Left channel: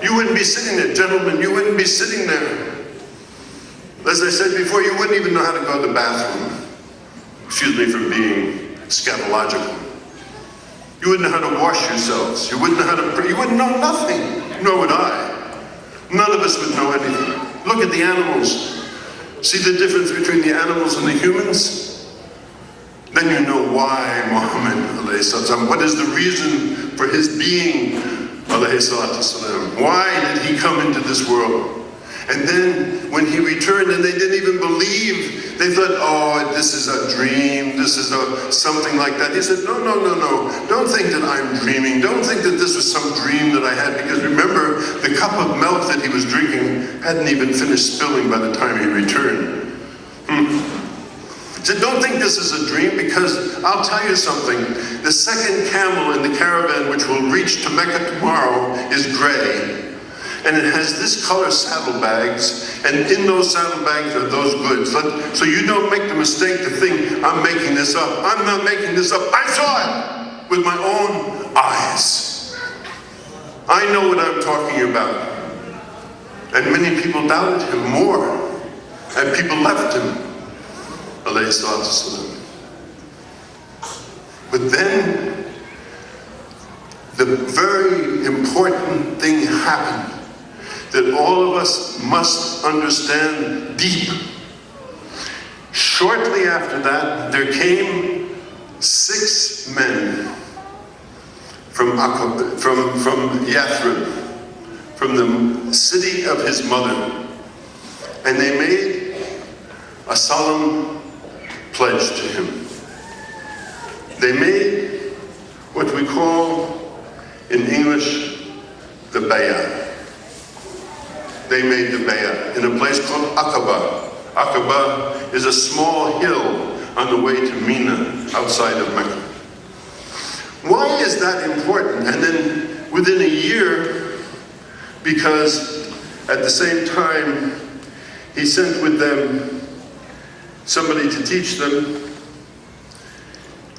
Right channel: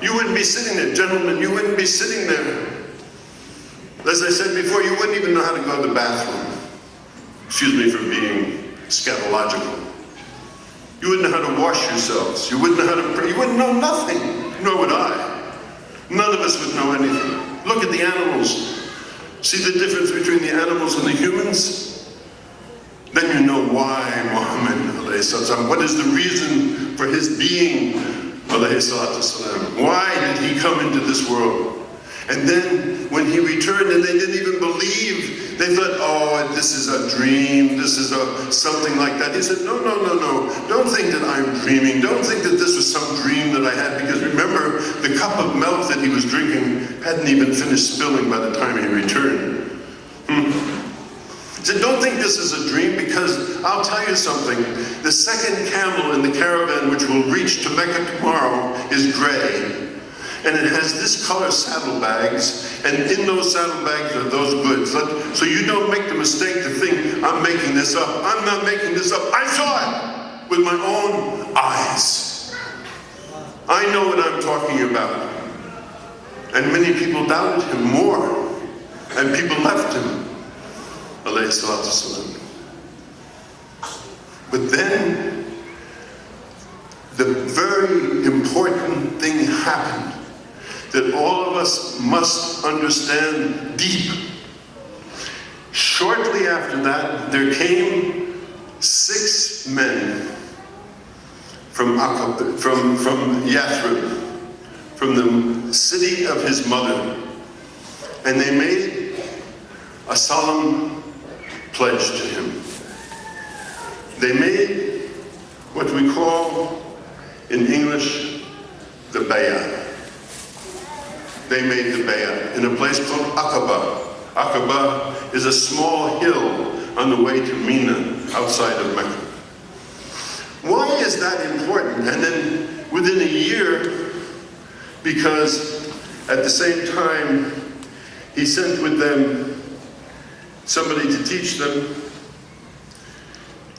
You wouldn't be sitting there, gentlemen, you wouldn't be sitting there. As I said before, you wouldn't even know how to go to the bathroom. Excuse me for being scatological. You wouldn't know how to wash yourselves. You wouldn't know how to pray. You wouldn't know nothing, nor would I. None of us would know anything. Look at the animals. See the difference between the animals and the humans? Then you know why Muhammad, what is the reason for his being, why did he come into this world? And then when he returned and they didn't even believe, they thought, oh, this is a dream, this is something like that. He said, no, don't think that I'm dreaming. Don't think that this was some dream that I had, because remember, the cup of milk that he was drinking hadn't even finished spilling by the time he returned. He said, don't think this is a dream, because I'll tell you something. The second camel in the caravan, which will reach to Mecca tomorrow, is gray. And it has this color saddlebags, and in those saddlebags are those goods. So you don't make the mistake to think, I'm making this up. I'm not making this up. I saw it with my own eyes. I know what I'm talking about. And many people doubted him more, and people left him. Alayhi salatu wasalam. But then, the very important thing happened that all of us must understand deep. Shortly after that, there came 6 men from Yathrib, from the city of his mother, and they made a solemn pledge to him. They made what we call in English the bay'ah. They made the bay'ah in a place called Aqaba. Aqaba is a small hill on the way to Mina, outside of Mecca. Why is that important? And then within a year, because at the same time he sent with them somebody to teach them,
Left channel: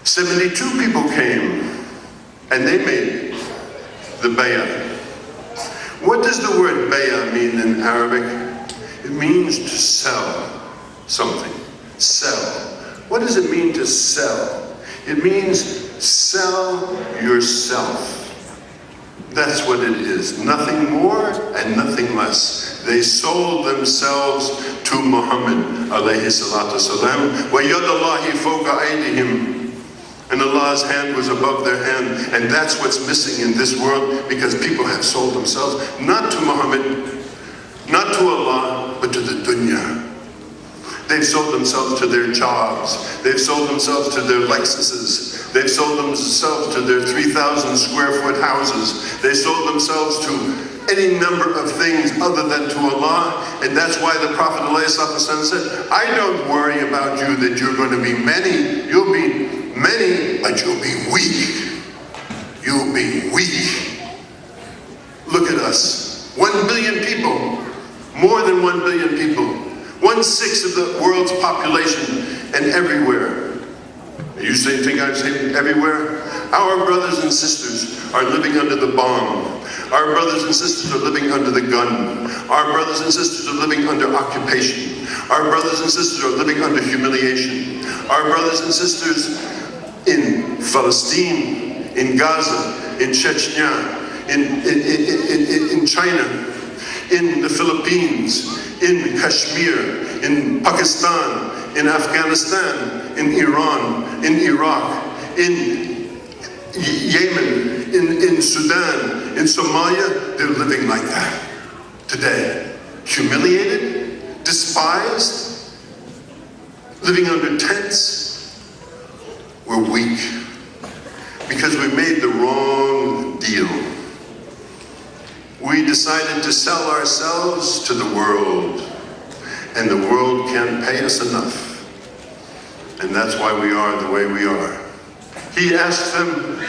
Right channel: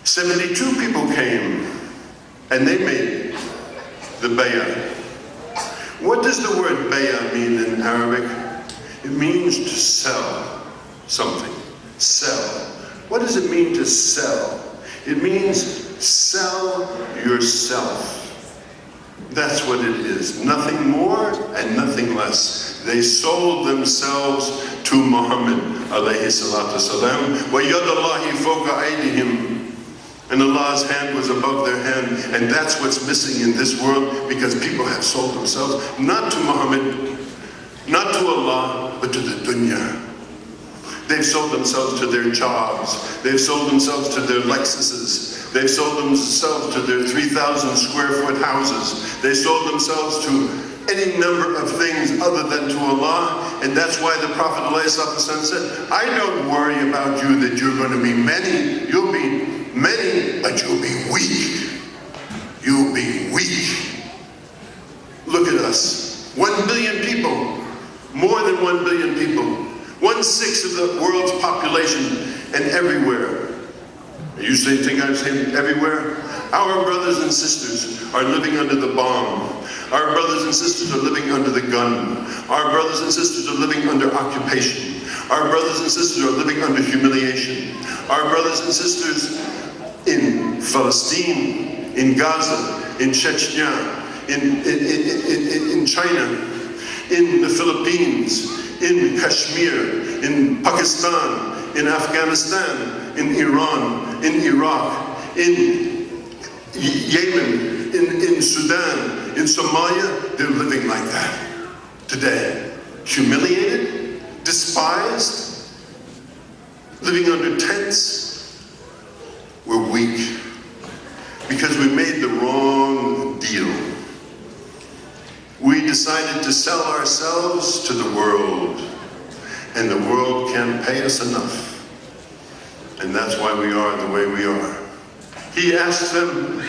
72 people came and they made the bay'ah. What does the word bay'ah mean in Arabic? It means to sell something. Sell. What does it mean to sell? It means sell yourself. That's what it is. Nothing more and nothing less. They sold themselves to Muhammad alayhi salatu wasalam. وَيَدَ اللَّهِ فَوْقَ أَيْدِهِمْ. And Allah's hand was above their hand. And that's what's missing in this world, because people have sold themselves, not to Muhammad, not to Allah, but to the dunya. They've sold themselves to their jobs. They've sold themselves to their Lexuses. They've sold themselves to their 3,000 square foot houses. They sold themselves to any number of things other than to Allah. And that's why the Prophet ﷺ said, I don't worry about you that you're going to be many. You'll be many, but you'll be weak. You'll be weak. Look at us. 1 billion people. More than 1 billion people. 1/6 of the world's population, and everywhere. You think I'm saying everywhere? Our brothers and sisters are living under the bomb. Our brothers and sisters are living under the gun. Our brothers and sisters are living under occupation. Our brothers and sisters are living under humiliation. Our brothers and sisters in Palestine, in Gaza, in Chechnya, in China, in the Philippines, in Kashmir, in Pakistan, in Afghanistan, in Iran, in Iraq, in Yemen, in Sudan, in Somalia, they're living like that today. Humiliated, despised, living under tents. We're weak because we made the wrong deal. We decided to sell ourselves to the world, and the world can't pay us enough. And that's why we are the way we are. He asked them,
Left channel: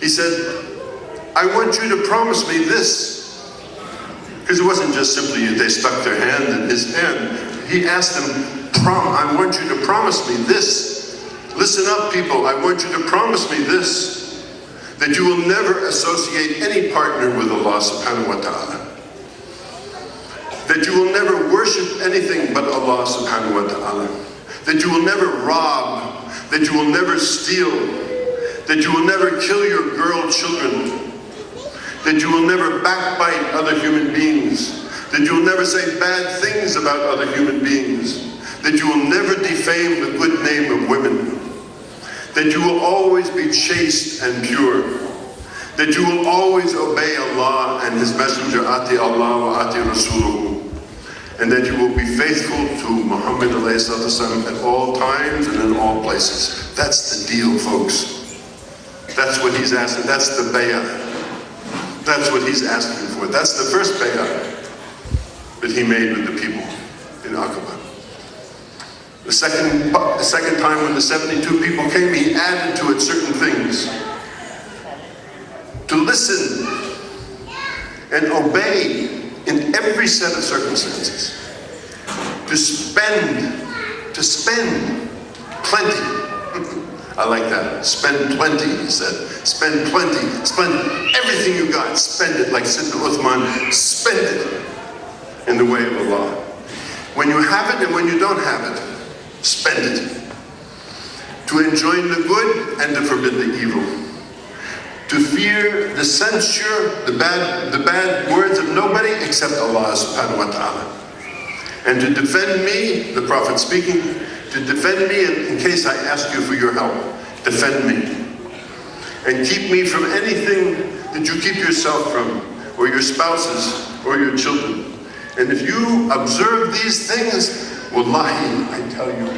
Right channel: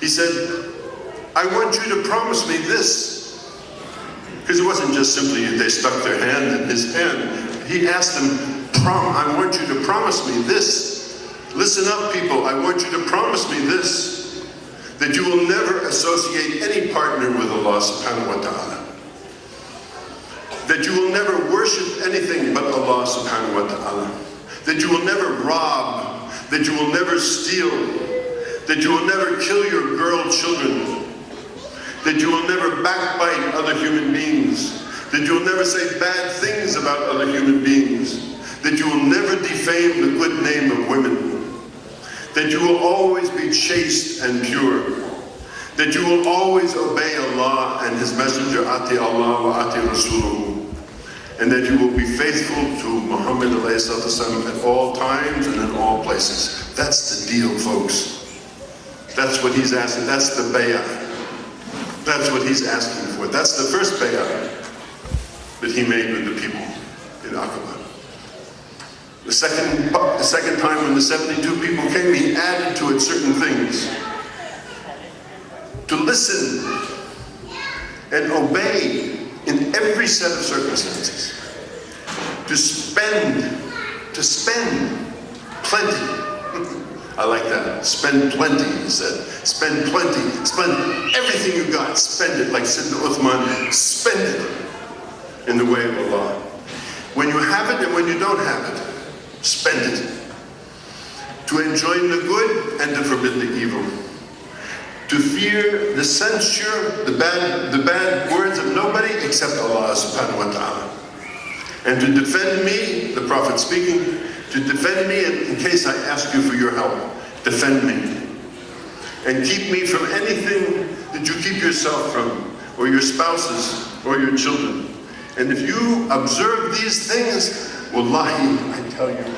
he said, I want you to promise me this. Because it wasn't just simply they stuck their hand in his hand. He asked them, I want you to promise me this. Listen up, people, I want you to promise me this. that you will never associate any partner with Allah subhanahu wa ta'ala, that you will never worship anything but Allah subhanahu wa ta'ala, that you will never rob, that you will never steal, that you will never kill your girl children, that you will never backbite other human beings, that you will never say bad things about other human beings, that you will never defame the good name of women, that you will always be chaste and pure, that you will always obey Allah and His Messenger, Ati Allah wa Ati Rasuluhu, and that you will be faithful to Muhammad ﷺ at all times and in all places. That's the deal, folks. That's what he's asking. That's the bay'ah. That's what he's asking for. That's the first bay'ah that he made with the people in Aqaba. The second time when the 72 people came, he added to it certain things. To listen and obey in every set of circumstances. To spend plenty. I like that. Spend plenty, he said. Spend plenty. Spend everything you got. Spend it like Sayyidina Uthman. Spend it in the way of Allah. When you have it and when you don't have it, spend it. To enjoin the good and to forbid the evil. To fear the censure, the bad words of nobody except Allah subhanahu wa ta'ala. And to defend me, the Prophet speaking, to defend me in case I ask you for your help. Defend me. And keep me from anything that you keep yourself from, or your spouses, or your children. And if you observe these things, wallahi, I tell you,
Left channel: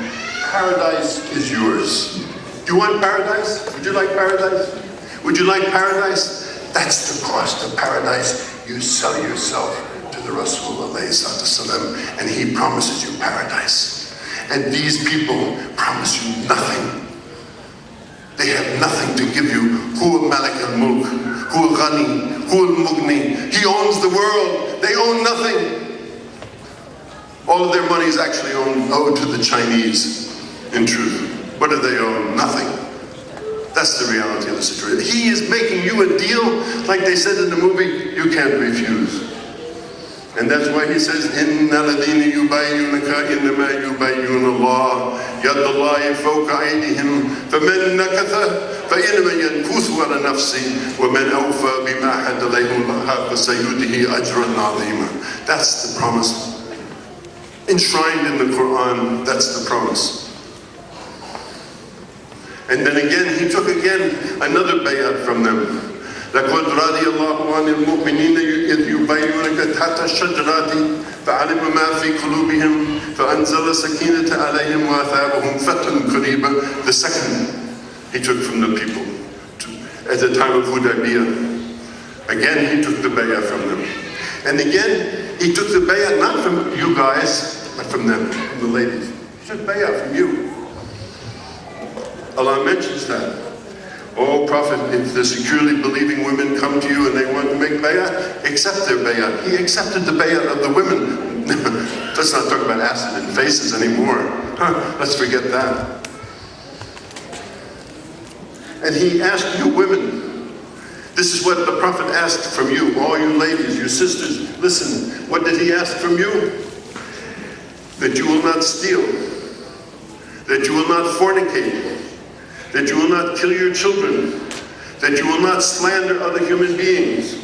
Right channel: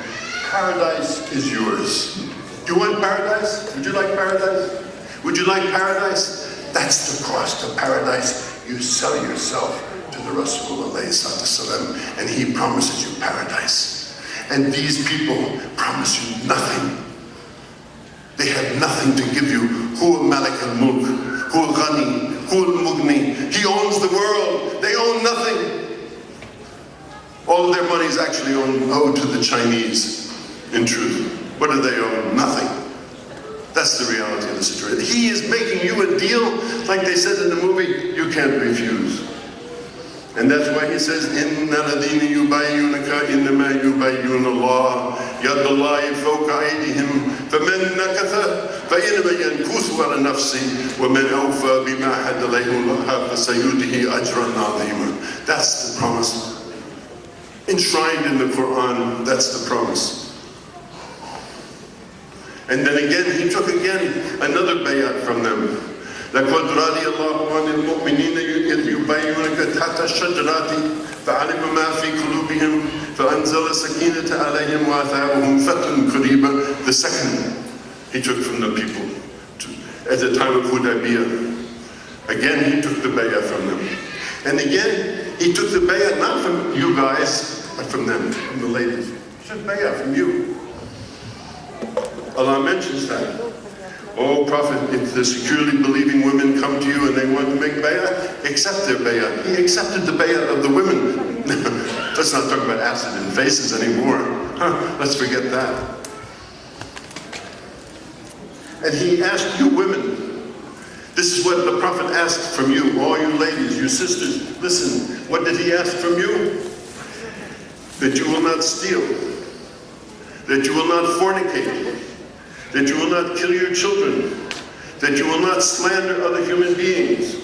paradise is yours. Do you want paradise? Would you like paradise? Would you like paradise? That's the cost of paradise. You sell yourself to the Rasul ﷺ, and he promises you paradise. And these people promise you nothing. They have nothing to give you. Huwa Malik al-Mulk, Huwa Ghani, Huwa al-Mughni. He owns the world. They own nothing. All of their money is actually owed to the Chinese, in truth. What do they own? Nothing. That's the reality of the situation. He is making you a deal, like they said in the movie, you can't refuse. And that's why he says, إِنَّ الَّذِينَ يُبَايِعُونَكَ إِنَّمَا يُبَايِعُونَ اللَّهَ يَدَّ اللَّهِ فَوْقَ أَيْدِيهِمْ فَمَنْ نَكَثَ فَإِنَّمَا يَنكُثُ عَلَى نَفْسِهِ وَمَنْ أَوْفَى بِمَا عَهَدَ عَلَيْهِ اللَّهُ فَسَيُؤْتِيهِ أَجْرًا عَظِيمًا. That's the promise. Enshrined in the Quran, that's the promise. And then again, he took another bay'at from them. لَقَدْ رَضِيَ اللَّهُ عَنِ الْمُؤْمِنِينَ إِذْ يُبَايِعُونَكَ تَحْتَ الشَّجَرَةِ فَعَلِمَ مَا فِي قُلُوبِهِمْ فَأَنزَلَ السَّكِينَةَ عَلَيْهِمْ وَأَثَابَهُمْ فَتْحًا قَرِيبًا. The second he took from the people at the time of Hudaybiyah. Again, he took the bay'ah from them. And again, he took the bay'ah not from you guys, but from them, from the ladies. He took bay'ah from you. Allah mentions that. Oh Prophet, if the securely believing women come to you and they want to make bay'ah, accept their bay'ah. He accepted the bay'ah of the women. Let's not talk about acid in faces anymore. Let's forget that. And he asked you women, this is what the Prophet asked from you, all you ladies, you sisters, listen, what did he ask from you? That you will not steal, that you will not fornicate, that you will not kill your children, that you will not slander other human beings,